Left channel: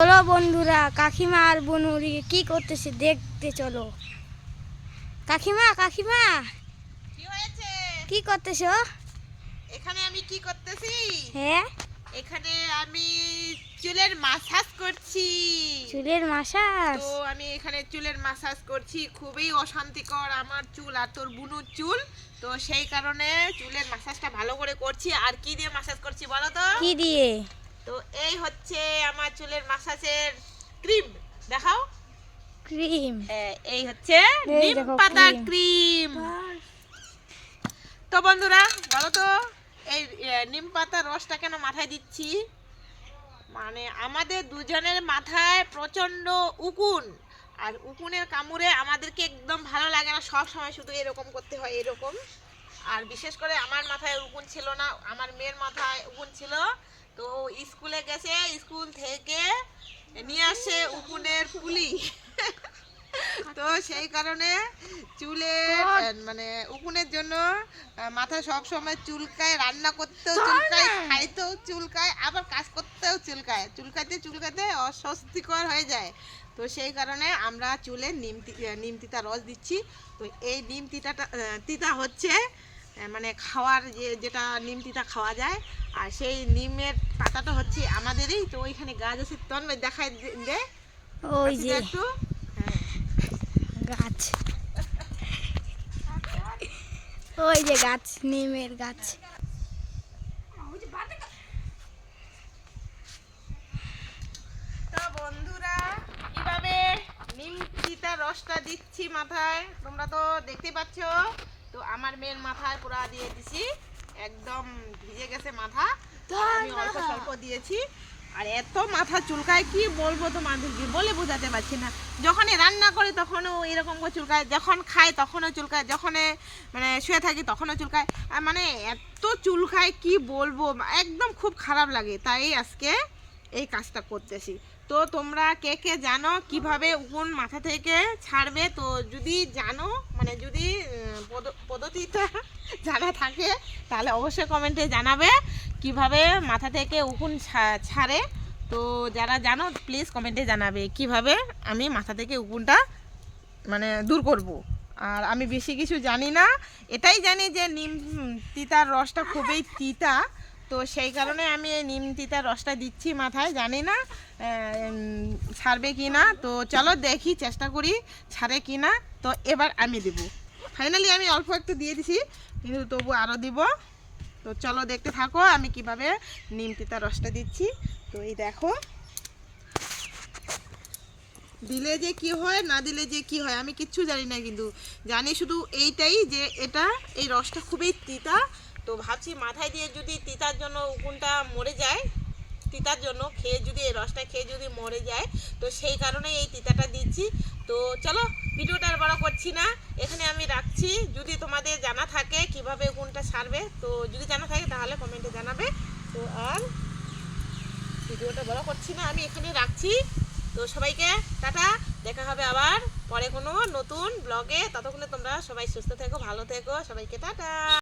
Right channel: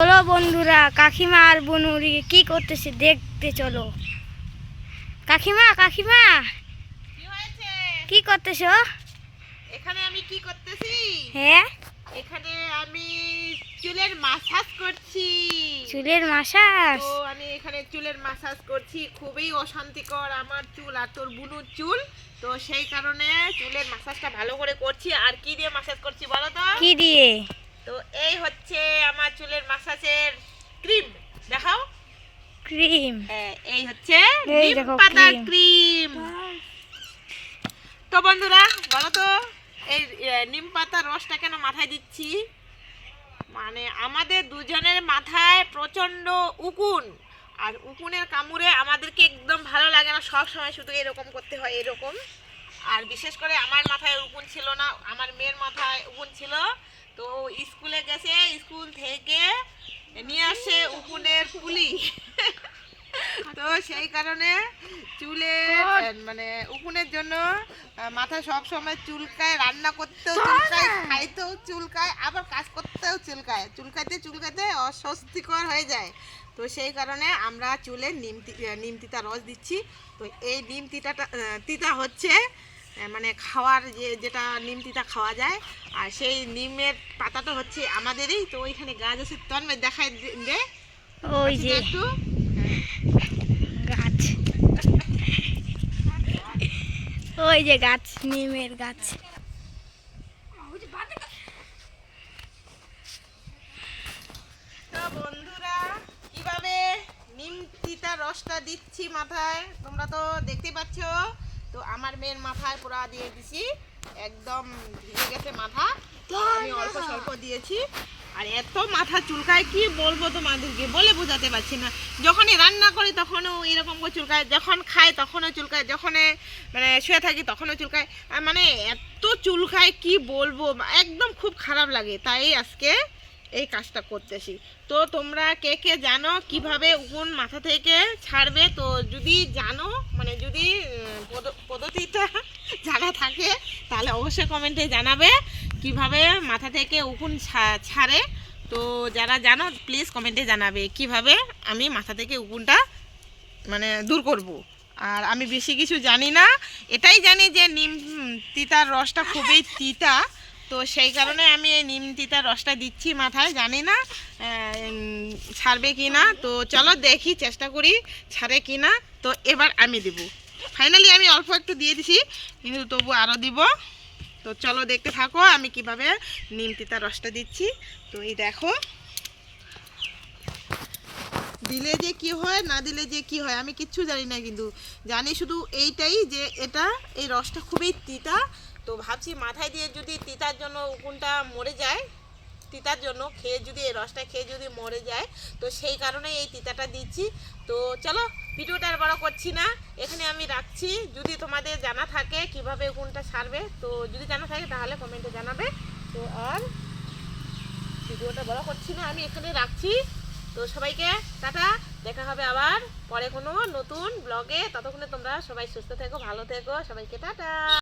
চলো বন্ধুরা কাকিমা আর বনুরি কি করতেছে দেখতে চলো। কাকিমা কাকিমা! কি করতেছো? এখানে আমি কি করতেছি? হ্যাঁ? এখানে আমি চুলের মাসাজ করছি। চুলের মাসাজ তো আমি এখানে চুলের মাসাজ করছি। খুবই অশান্তিকর আমার চুল আর তোর বুনুর চুল। তো সেই কারণে চুলের মাসাজটা ভালো করে করছি। আর কি দিয়ে মাসাজ করছি বলো তো? কি দিয়ে? এই হচ্ছে আমার চুলের মাসাজের ক্রিম। দেখাও। ক্রিম। হ্যাঁ, এই হচ্ছে নিম পাতা ক্রিম। তো বন্ধুরা বলো তো এই নিম পাতার রসটা কেন মাথায় দিচ্ছি? মানে আমাদের দুজনের মাথায় প্রচণ্ড উকুন। আর উকুনের কামড়ে আমাদেরকে একদম ভালো লাগে না। সব সময় শুধু এরকম করতে হয় এরকম। আর বিশেষ করে আমার মাথায় উকুন ছিল না আমার মেয়ের মাথায় উকুন ছিল। তো স্কুলে গেছে স্কুল থেকে নিয়ে আসে উকুনের পুলি। তো সেই কারণে চুলে মানে উকুনের জন্য মাথা সব সময় চুলকায় রান্না করতেও চুলকায় খাইতেও চুলকায় আবার কাজ করতেও চুলকায়। চুলকাতে চুলকাতে অস্বস্তিকর হয়ে যায়। তো সেই কারণে আমরা চুলে নিম তিতা রস দিচ্ছি। তো এই নিম তিতাটা তিতা হচ্ছে মানে খাওয়ার যে যেটা নিম তিতা খাওয়া যায় আর সেই নিমের পাতাটা হচ্ছে আমাদেরই তো ওইখানে গাছ আছে তন্ময় দেখায় দে- ওই যে। একটু। গাছ। ওই যে গাছ নিমের গাছ। তো বন্ধুরা কীভাবে নিম তিতা রসটা দিচ্ছি মাথায় তোমরা তো দেখতে পাচ্ছ। তো আমার মেয়ের মাথায় পুরা দিয়ে দিছি। একদম ভিজে গেছে মাথা। তো আমি অল্প স্বল্প দিয়েছি। আর এত মাথা চুলকায় কি বলব তোমাদেরকে? বলে বোঝাতে পারছি না। যখনই রান্না করি তখনও এরকম করে চুলকায়। যখন খাই তখনও চুলকায়। যখন মানে শুয়ে থাকি তখনও চুলকায়। আর মানে এত চুলকায় কি বলব? একদম খুব খারাপ লাগে। তাই আজকে এই কাজটা করতেছি। তো তোমরা কে কে জানো কীভাবে উকুন মাথা থেকে ছাড়বে? তো যদি জানো মানে যদি পদ- পদ্ধতিটা জানা থাকে, তাহলে অবশ্যই কমেন্টে জানাবে কীভাবে মাথা থেকে উকুন ছাড়ে। তো যারা জানো প্লিজ কমেন্টে জানাবে কীভাবে আমি মাথা থেকে উকুনটা মানে দূর করব। আর আমি বেশি কিছু জানি না। এটাই জানি যে নিম, তিতার রসটা খুবই তিতা। তো সেই কারণে আমি এই নিম তিতার রসটা দিচ্ছি মাথায়, জানি না ছাড়বে কি না তো চলো দেখি, চেষ্টা করি ছাড়ে কি না তো এবার আমি দেব। ফাইনালি আমি অল্প একটু দিয়ে দিছি, কিন্তু তবু আরও দিব। তো চলো দেখতে থাকো আমি কীভাবে নিম তিতার রসটা দিচ্ছি। তো এই দেখো। দিলে যে কি হয়, না দিলে যে কি হয়, আমি কিচ্ছু জানি না কিন্তু। জানি শুধু এইটাই যে এটা, এই রসটা খুবই তিতা তো ভাবছি মাথায় দিয়ে যদি তিতার জন্য উকুনটা মরে যায়, তিতার জন্য খেয়ে যদি, এই রসটা খেয়ে যদি মরে যায়, তো সেই কারণে এই তিতাটা দিচ্ছি। তো চলো, ভিডিওটা আর বড় করছি না। এখানে আমি রাখছি। যদি তোমাদের জানা থাকে কীভাবে উকুনটা সারবে, তো যদি জানা থাকে তাহলে কমেন্টে জানাবে। তো আর ভিডিওটা বড় করছি না, আমি এখানে রাখছি। তো সবাইকে টাটা, দেখা হবে আবার পরে কোনো নতুন ব্লগে ততক্ষণে তোমরা সবাই সুস্থ থেকো, ভালো থেকো। সবাইকে টাটা।